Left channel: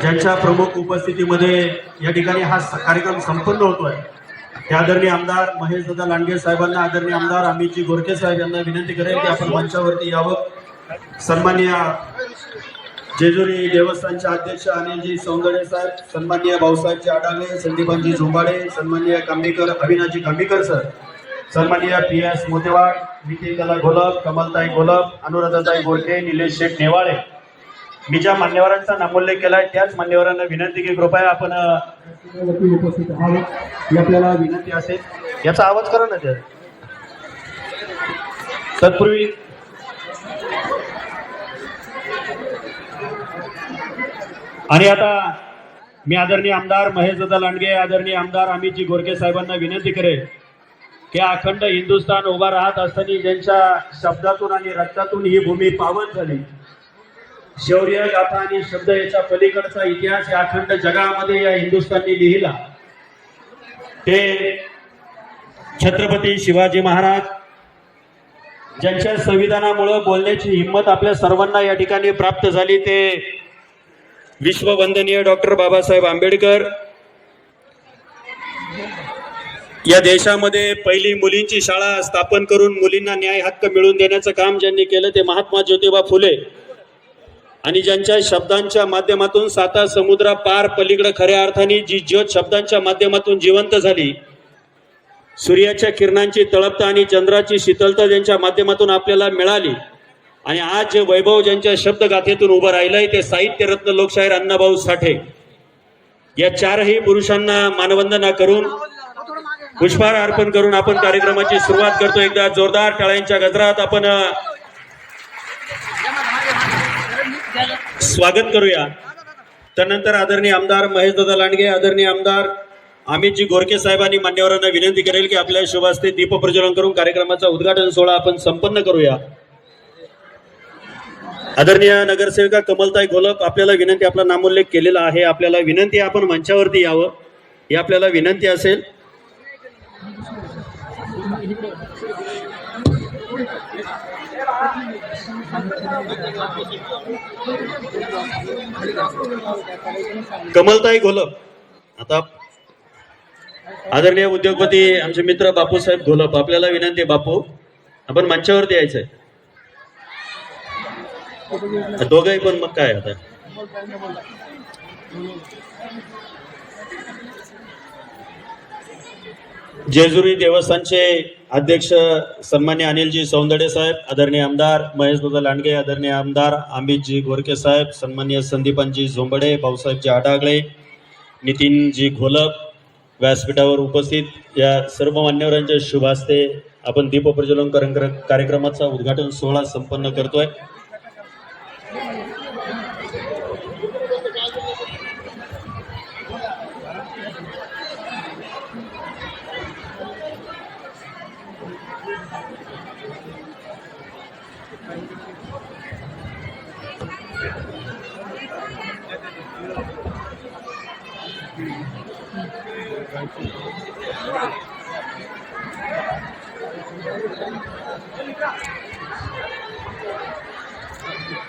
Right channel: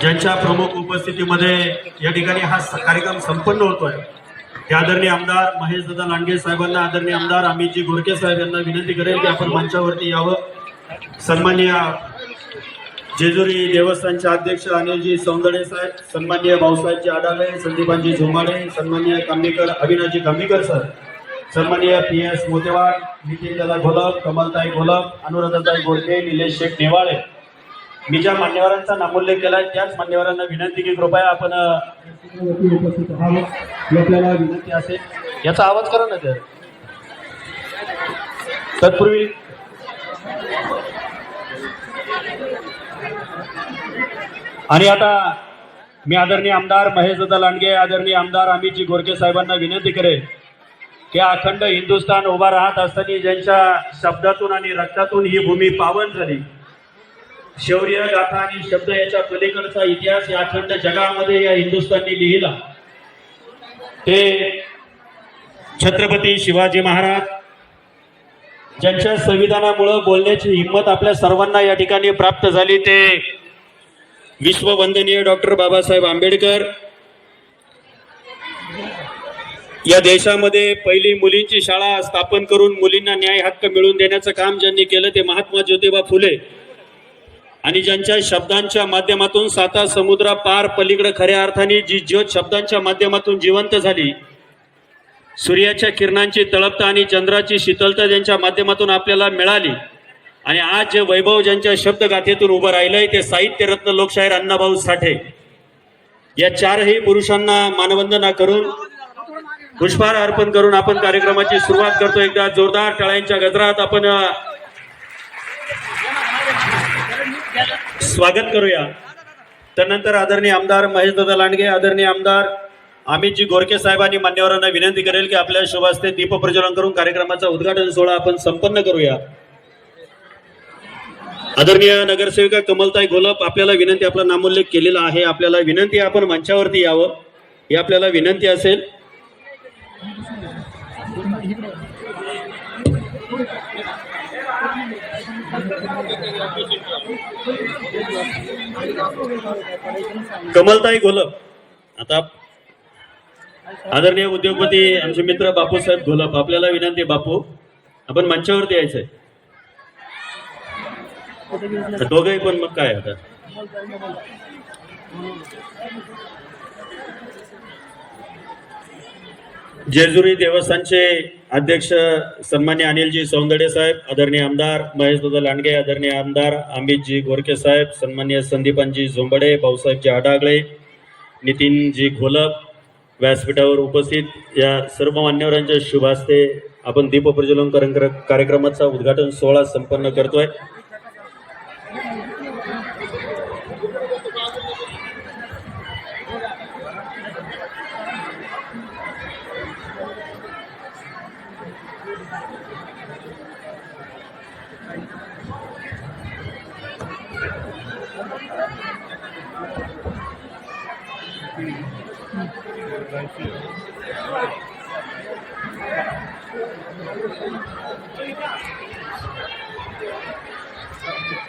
ज्यांच्या प्रमुख उपस्थितीमध्ये या ठिकाणी हा स- कार्यक्रम संपन्न होतोय. हे आदरणीय आमदार महेश दादा लांडगे साहेबांना आदरणीय आमदार अमितजी गोरके साहेब यांना विनंती करेल की आपण मंचावरती यावं. सन्मान्य जेजुरी देवस्थानचे अध्यक्ष अनिलजी सौंदळे साहेब सन्मान्य भाऊसाहेबजी आडाले संदीपांजी झुंबाडे सन्मान्य कांबेकर अविनाजी कांबेकर सर सन्मान्य पी एस मोतेवाड नितीन दादा घोलप कमलताई घोलप अनुराधाताई गोडके निलेश शेख नेवाळे मी ज्या मान्यवरांचा नामोल्लेख केलाय त्याच मान्यवरांना विनंती की कृपया आपण उपस्थित ही आपल्याला विनंती असेल. याचा आवाज करा ना तर तत्पूर्वी आणि आता मी आदरणीय आमदार महेश दादा लांडगे आदरणीय आमदार अमितजी गोरके साहेबांना विनंती करेल की अखंड हिंदुस्थान उभा राहत असताना ज्यांच्या शब्दातून आणि रक्तातून ही भूमी पावन झाली शौर्य गाथा आणि शब्द याच्या पलीकडचा इतिहास या अखंड जगामध्ये या हिंदुस्थाननी लिहिला. ते छत्रपती शिवाजी महाराज ज्यांच्या संविधानामुळं बोलण्याची हिंमत आपल्या सर्वांना या ठिकाणी प्राप्त झाली ते विश्ववंदनीय डॉक्टर बाबासाहेब आंबेडकर. या देशामध्ये पहिली मुलींची शाळा स्थापन करून मुलींना न्याय हक्क मिळवून देण्याचं काम ज्यांनी केलं ते महात्मा ज्योतिबा फुले. आणि ज्यांच्या शब्दांच्या माध्यमातून साता समुद्रा पार पलीकडे खऱ्या अर्थाने जी ज्योत शब्दांच्या माध्यमातून जिवंत झाली सूर्याच्या किरणांची तळपता आणि चंद्राची शीतलता ज्यांच्या माध्यमातून आपल्याला मिळाली आणि आज जे वैभव ज्यांच्या शब्दगाथेतून उभं राहिलंय ते साहित्यरत्न लोकशाहीर अण्णाभाऊ साठे. या चारही पुरुषांना मानवंदना करून पुष्पहार अर्पण करून आपण कार्यक्रमाची सुरुवात करतो. एकदा जोरदार टाळ्यांच्या गजरात आपण स्वागत करूया. त्यानंतर आदरणीय आमदार महेश दादा लांडगे आदरणीय आमदार अमितजी गोरके साहेबांनी मान्यवरांना विनंती करेल की आपल्या शुभास्ते दीप प्रज्वलन करून कार्यक्रमाचा उद्घाटन सोहळा आपण संपन्न करूया. आदरणीय नगरसेविका कमलताई गोलप आपल्याला विनंती आपला नामोल्लेख केलेला आहे. आपल्याला विनंती आपण मंचावरती यावं. ही आपल्याला विनंती असेल. कमलताई घोलप आता आदरणीय उद्योगपती आमचे मित्र बापूसाहेब घोलप आपल्याला विनंती आहे, बापू आपण मंचावरती यायचंय. दोघंही पण मग काय आता? जेजुरी देवस्थानचे अध्यक्ष सन्मान्य अनिलजी सौंदडे साहेब आदरणीय आमदार महेश दादा लांडगे आदरणीय आमदार अमितजी गोरके साहेब सन्मान्य संदीपांजी झोंबडे भाऊसाहेबजी आडागळे नितीनजी घोलप व्यासपीठावर उपस्थित या सर्व मान्यवरांच्या शुभ हस्ते आपण दीपप्रज्वलन कार्यक्र- कार्यक्रमाचा उद्घाटन सोहळा संपन्न करतोय.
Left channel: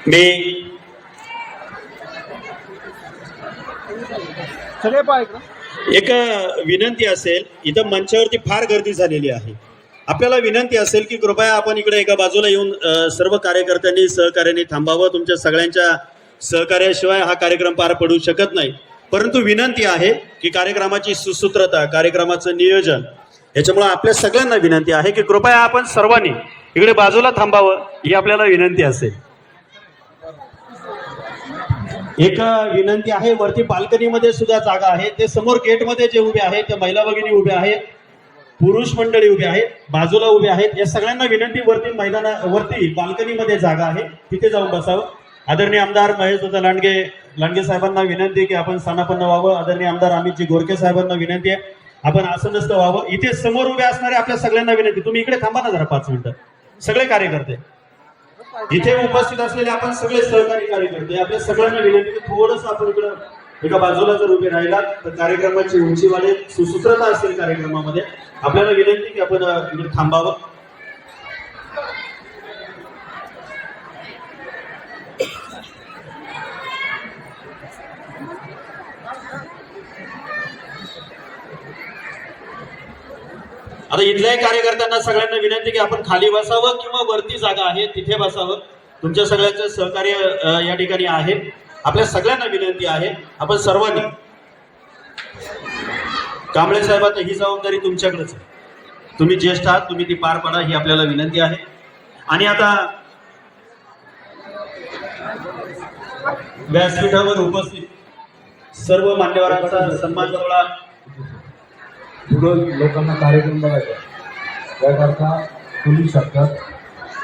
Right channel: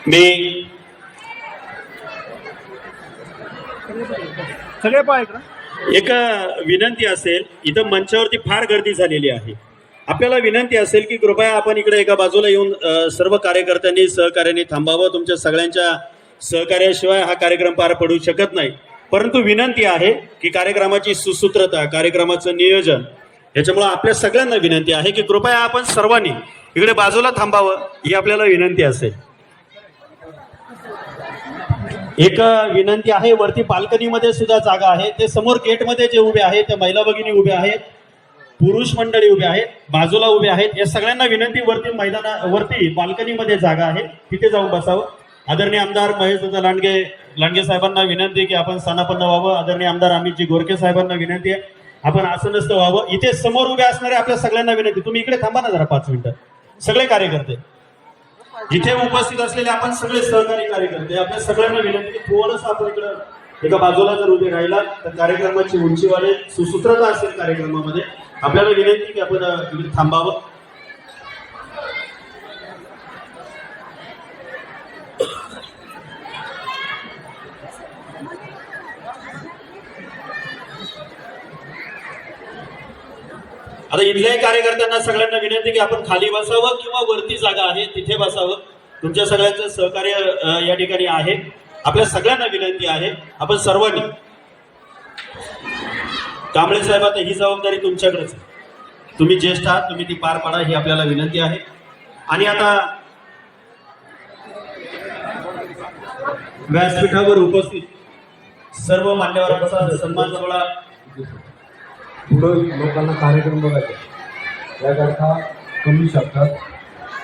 मी सगळे. एक विनंती असेल इथं मंचावरती फार गर्दी झालेली आहे आपल्याला विनंती असेल की कृपया आपण इकडे एका बाजूला येऊन सर्व कार्यकर्त्यांनी सहकार्याने थांबावं. तुमच्या सगळ्यांच्या सहकार्याशिवाय हा कार्यक्रम पार पडू शकत नाही. परंतु विनंती आहे की कार्यक्रमाची सुसूत्रता कार्यक्रमाचं नियोजन याच्यामुळे आपल्या सगळ्यांना विनंती आहे की कृपया आपण सर्वांनी इकडे बाजूला थांबावं ही आपल्याला विनंती असेल. एक विनंती आहे वरती बाल्कनीमध्ये सुद्धा जागा आहे. ते समोर गेटमध्ये जे उभे आहेत त्या महिला भगिनी उभे आहेत. पुरुष मंडळी उभे आहेत बाजूला उभे आहेत. या सगळ्यांना विनंती वरती मैदाना वरती बाल्कनीमध्ये जागा आहे. तिथे जाऊन बसावं. आदरणीय आमदार महेश दादा लांडगे लांडगे साहेबांना विनंती की आपण स्थानापन्न व्हावं. आदरणीय आमदार अमितजी गोरखे साहेबांना विनंती आहे. आपण आसनस्थ व्हावं. इथे समोर उभे असणारे आपल्या सगळ्यांना विनंती. तुम्ही इकडे थांबा ना जरा पाच मिनिटं. सगळे कार्यकर्ते. इथे उपस्थित असलेले आपण सगळे सहकारी कार्यकर्ते. आपल्या सगळ्यांना विनंती की थोडस आपण इकडं एका बाजूला जर उभे राहिला तर कार्यक्रमाची उंचीवाले सुसूत्रता असेल कार्यक्रमामध्ये. आपल्याला विनंती की आपण म्हणजे थांबावं. आता इथल्याही कार्यकर्त्यांना सगळ्यांना विनंती की आपण खाली बसावं किंवा वरती जागा आहे तिथे बसावं. तुमच्या सगळ्यांचं सहकार्य या ठिकाणी आहे. आपल्या सगळ्यांना विनंती आहे आपण सर्वांनी. कांबळे साहेब आता ही जबाबदारी तुमच्याकडेच आहे. तुम्ही ज्येष्ठ आहात तुम्ही ती पार पाडा ही आपल्याला विनंती आहे. आणि आता व्यासपीठावर उपस्थित सर्व मान्यवरांचा सन्मान सोहळा. पुढं लोकांना कार्यक्रम बघायचा त्याकरता तुम्ही शकतात.